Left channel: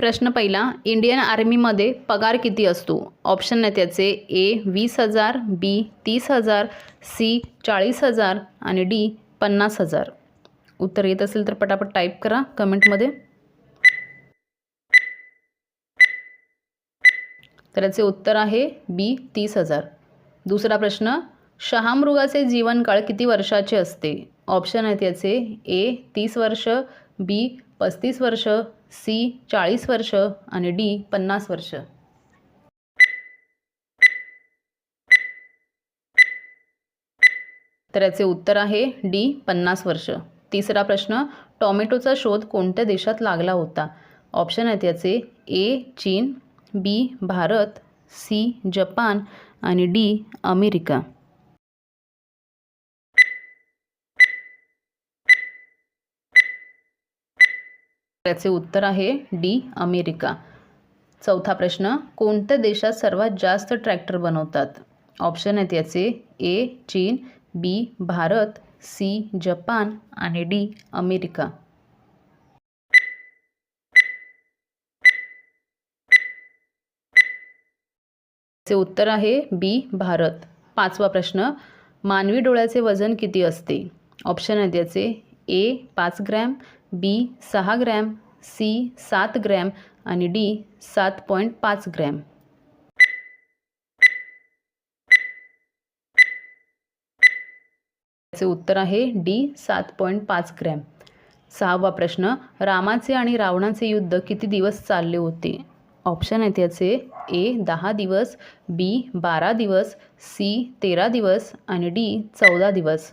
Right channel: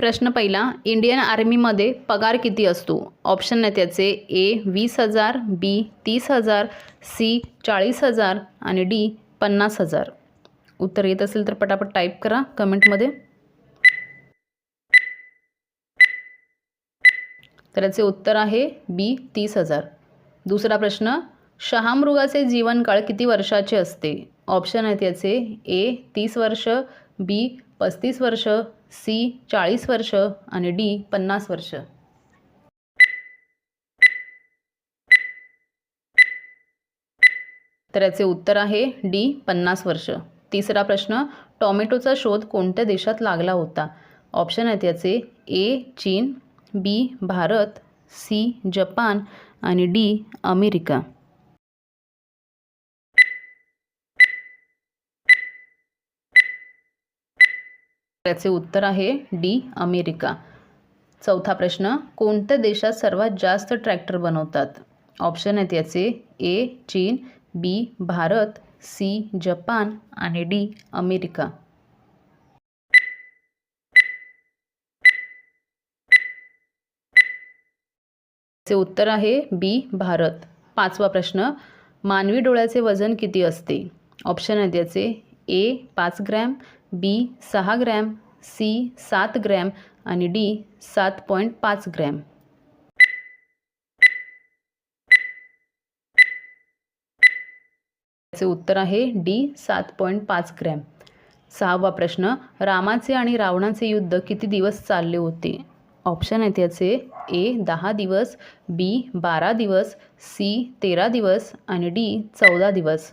प्रश्न पहिला, इंडियन आर्मीमध्ये पगार किती असतो? ऑप्शन आहे त्याचे ए 20,000, बी 30,000, सी 40,000 आणि डी 50,000. उत्तर येत असेल तर पटापट टाईप करा कमेंटमध्ये. तर याचे उत्तर आहे बी 30,000. दुसरा प्रश्न, शहामृगाचे जीवनकाळ किती वर्षाचे असते? ऑप्शन आहेत याचे ए 30 वर्ष, बी 35 वर्ष, सी 40 वर्ष आणि डी 50 वर्ष. तर याचे उत्तर आहे डी 50 वर्ष. तिसरा प्रश्न, टॉमॅटोचा शोध कोणत्या देशात लागला होता? ऑप्शन आहेत याचे ए चीन, बी भारत, सी जपान आणि डी अमेरिका. त्याचे उत्तर आहे डी अमेरिका. चौथा प्रश्न, कोणत्या देशात सर्वात जास्त ट्रॅक्टर बनवतात? ऑप्शन आहेत याचे ए चीन, बी भारत, सी जपान आणि डी अमेरिका. चे उत्तर आहे बी भारत. पाचवा प्रश्न, मानवी डोळ्याचे वजन किती असते? ऑप्शन आहेत याचे ए 5 ग्रॅम, बी 6 ग्रॅम, सी 7 ग्रॅम आणि डी 7.5 ग्रॅम. याचे उत्तर आहे डी 7.5 ग्रॅम. सहावा प्रश्न, रामाचे आणि रावणाचे युद्ध किती दिवस चालले होते? ऑप्शन आहेत याचे ए 10 दिवस, बी 12 दिवस, सी 13 दिवस आणि डी 14 दिवस.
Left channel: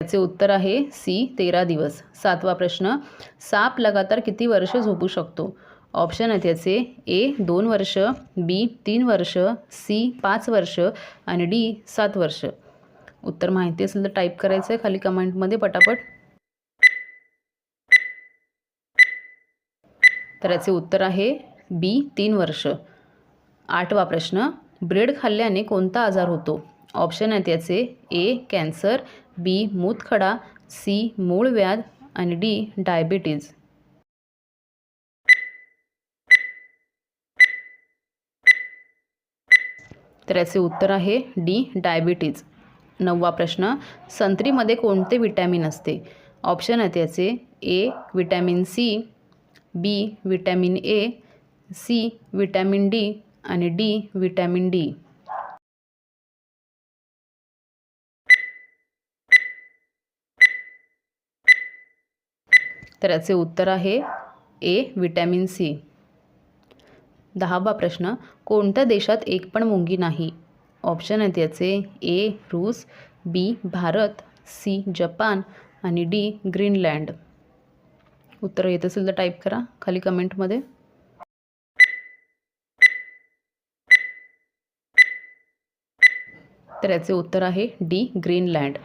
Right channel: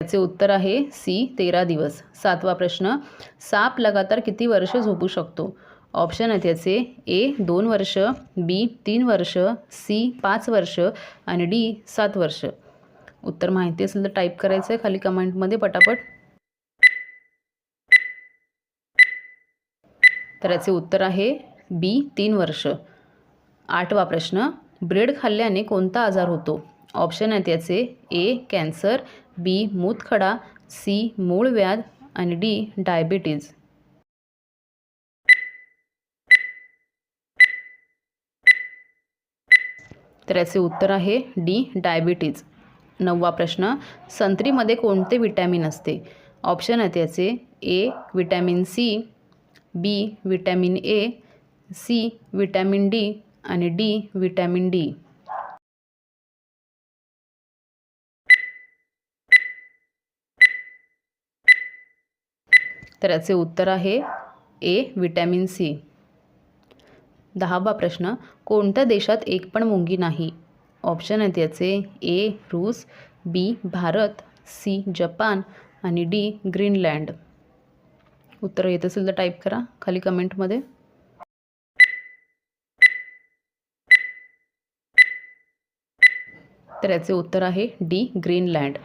याचे उत्तर आहे सी 13 दिवस. सातवा प्रश्न, साप लगातार किती वर्ष झोपू शकतो? ऑप्शन आहेत याचे ए 2 वर्ष, बी 3 वर्ष, सी 5 वर्ष आणि डी 7 वर्ष. उत्तर माहिती असेल तर टाईप करायचं आहे खाली कमेंटमध्ये पटापट. तर याचे उत्तर आहे बी 3 वर्ष. आठवा प्रश्न, ब्रेड खाल्ल्याने कोणता आजार होतो? ऑप्शन आहेत याचे ए कॅन्सर, बी मूतखडा, सी मूळव्याध आणि डी डायबिटीज. तर याचे उत्तर आहे डी डायबिटीज. नववा प्रश्न, संत्रीमध्ये कोणते विटॅमिन असते? ऑप्शन आहेत याचे A vitamin C, B vitamin A, C vitamin D आणि डी विटॅमिन डी. तर याचे उत्तर आहे ए विटॅमिन सी. 10वा प्रश्न, कोणत्या देशात एक पण मुंगी नाही? ऑप्शन आहेत याचे ए रूस, बी भारत, सी जपान आणि डी ग्रीनलँड. उत्तर येत असेल तर टाईप करा खाली कमेंटमध्ये. तर याचे उत्तर आहे डी ग्रीनलँड.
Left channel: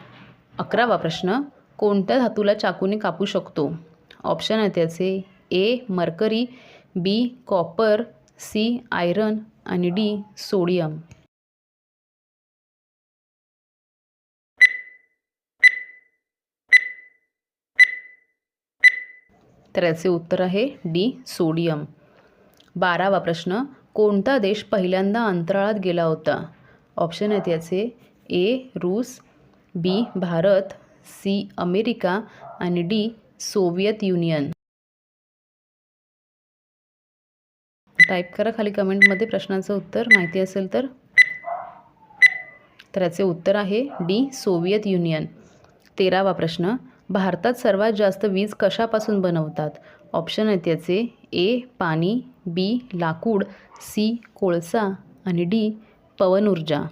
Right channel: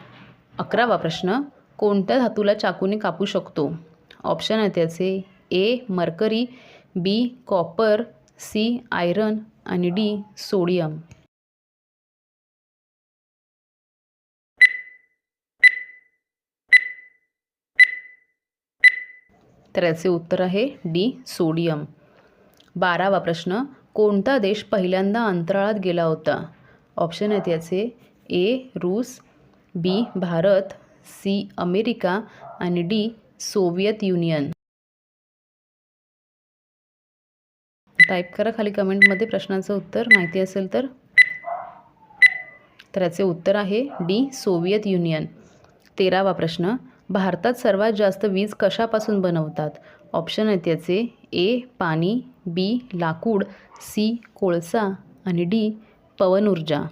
11वा प्रश्न, कोणत्या धातूला चाकूने कापू शकतो? ऑप्शन आहेत याचे ए मर्करी, बी कॉपर, सी आयरन आणि डी सोडियम. तर याचे उत्तर आहे डी सोडियम. 12वा प्रश्न, कोणता देश पहिल्यांदा अंतराळात गेला होता? ऑप्शन आहेत याचे ए रूस, बी भारत, सी अमेरिका आणि डी सोव्हिएत युनियन. टाईप करा खाली कमेंटमध्ये प्रश्नाचं उत्तर माहिती असेल तर. तर याचे उत्तर आहे डी सोव्हिएत युनियन. 13वा प्रश्न, भारतात सर्वात जास्त वीज कशापासून बनवतात? ऑप्शन आहेत याचे ए पाणी, बी लाकूड, सी कोळसा आणि डी पवन ऊर्जा.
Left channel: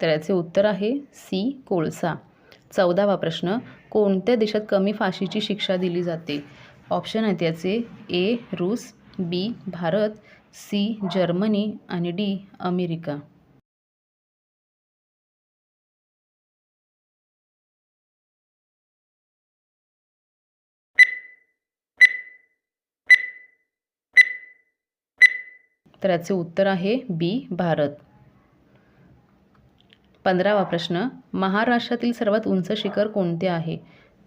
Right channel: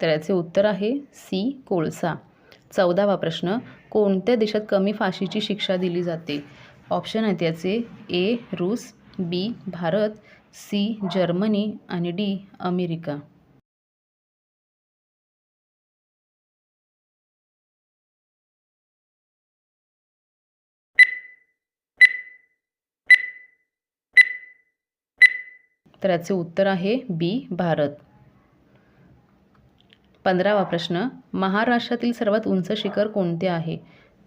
तर याचे उत्तर आहे सी कोळसा. 14वा प्रश्न, कोणत्या देशात कमी फाशीची शिक्षा दिली जाते? ऑप्शन आहेत याचे ए रूस, बी भारत, सी जर्मनी आणि डी अमेरिका. तर याचे उत्तर आहे बी भारत. 15वा प्रश्न, महाराष्ट्रातील सर्वात उंच शिखर कोणते आहे?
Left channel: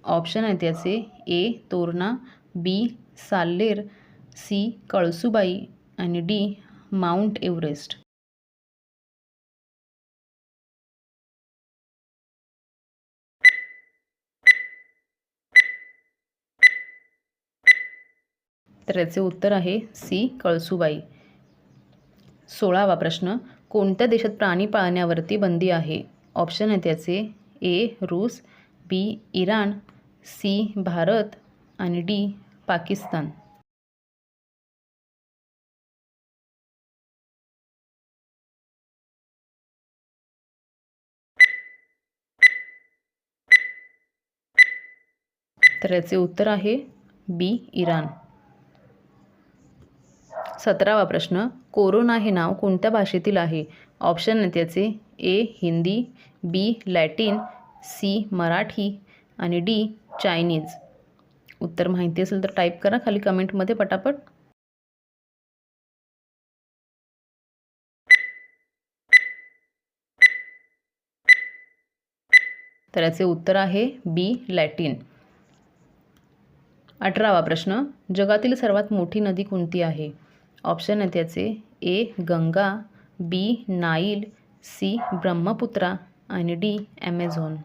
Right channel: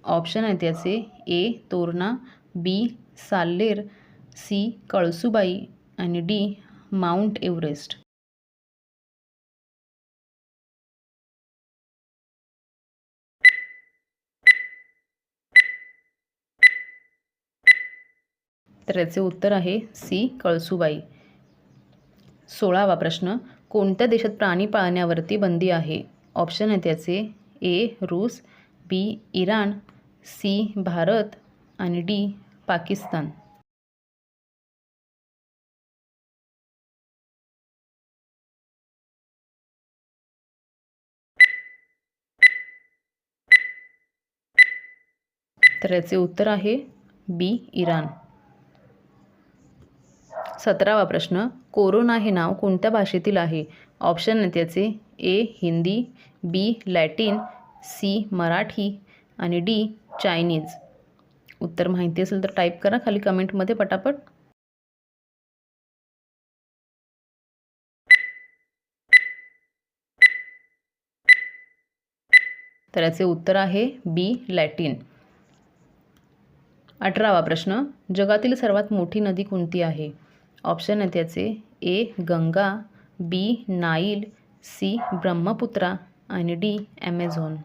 ऑप्शन आहेत याचे ए तोरणा, बी साल्लेर, सी कळसुबाई आणि डी माउंट एव्हरेस्ट. तर याचे उत्तर आहे सी कळसुबाई. 16वा प्रश्न, कोणत्या देशात प्राणी पाळण्यावरती बंदी आहे? ऑप्शन आहेत याचे ए रूस, बी इराण, सी भारत आणि डी पाकिस्तान. तर याचे उत्तर आहे बी इराण. 17वा प्रश्न, कोरोना हे नाव कोणत्या भाषेतील आहे? ऑप्शन आहेत याचे ए हिंदी, बी लॅटिन, सी मराठी आणि डी चायनीज. उत्तर माहिती असेल तर टाईप करा खाली कमेंटमध्ये पटापट. तर याचे उत्तर आहे बी लॅटिन. 18वा प्रश्न, जगातील सर्वात मोठी नदी कोणती आहे? ऑप्शन आहेत याचे ए गंगा, बी नाईल, सी ब्रह्मपुत्रा आणि डी ॲमेझॉन.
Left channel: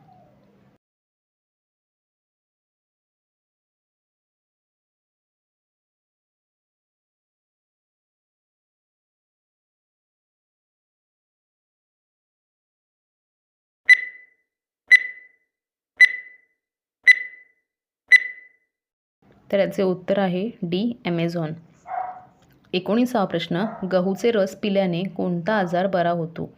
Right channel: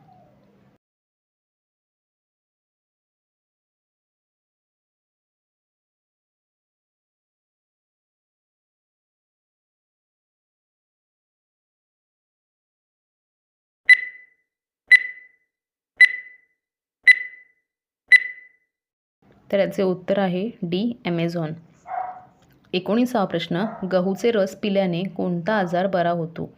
तर याचे उत्तर आहे डी ॲमेझॉन. 19वा प्रश्न, गहूचे रस पिल्याने कोणता आजार बरा होतो?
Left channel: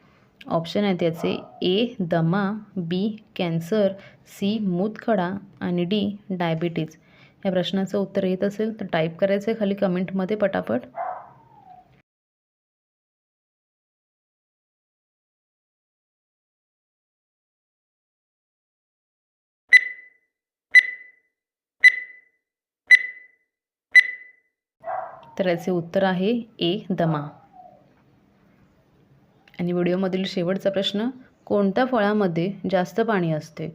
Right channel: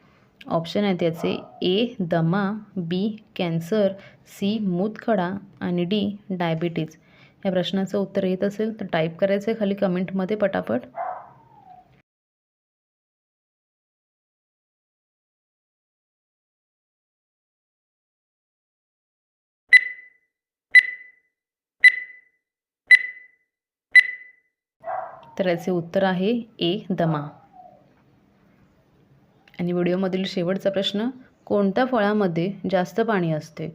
ऑप्शन आहेत याचे ए दमा, बी कॅन्सर, सी मूतखडा आणि डी डायबिटीज. या प्रश्नाचं उत्तर येत असेल तर टाईप करायचं आहे खाली कमेंटमध्ये पटापट. तर याचे उत्तर आहे ए दमा. आणि व्हिडिओमधील शेवटचा प्रश्न, कोणत्या फळामध्ये जास्त पाणी असते?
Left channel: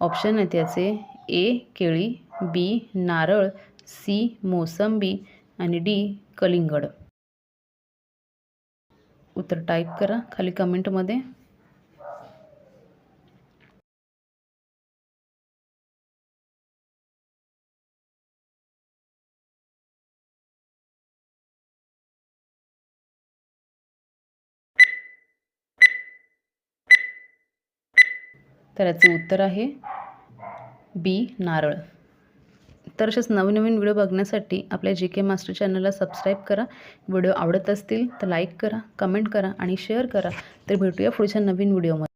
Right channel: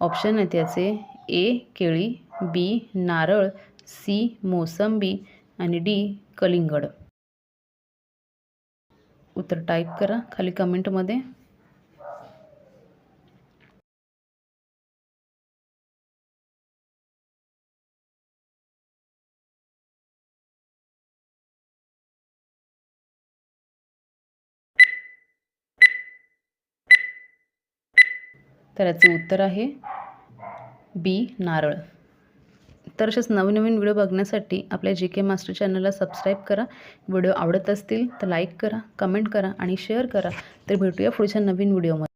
ऑप्शन आहेत याचे ए केळी, बी नारळ, सी मोसंबी आणि डी कलिंगड. उत्तर टाईप करा खाली कमेंटमध्ये. तर याचे उत्तर आहे बी नारळ. तर अशाच नवीन व्हिडिओ बघण्यासाठी आपल्या जी के मास्टर चॅनलला सबस्क्राईब करा. व्हिडिओ आवडत असतील तर लाईक करा, कमेंट करा आणि शेअर करा. तर भेटूया पुढच्या नवीन व्हिडिओमध्ये.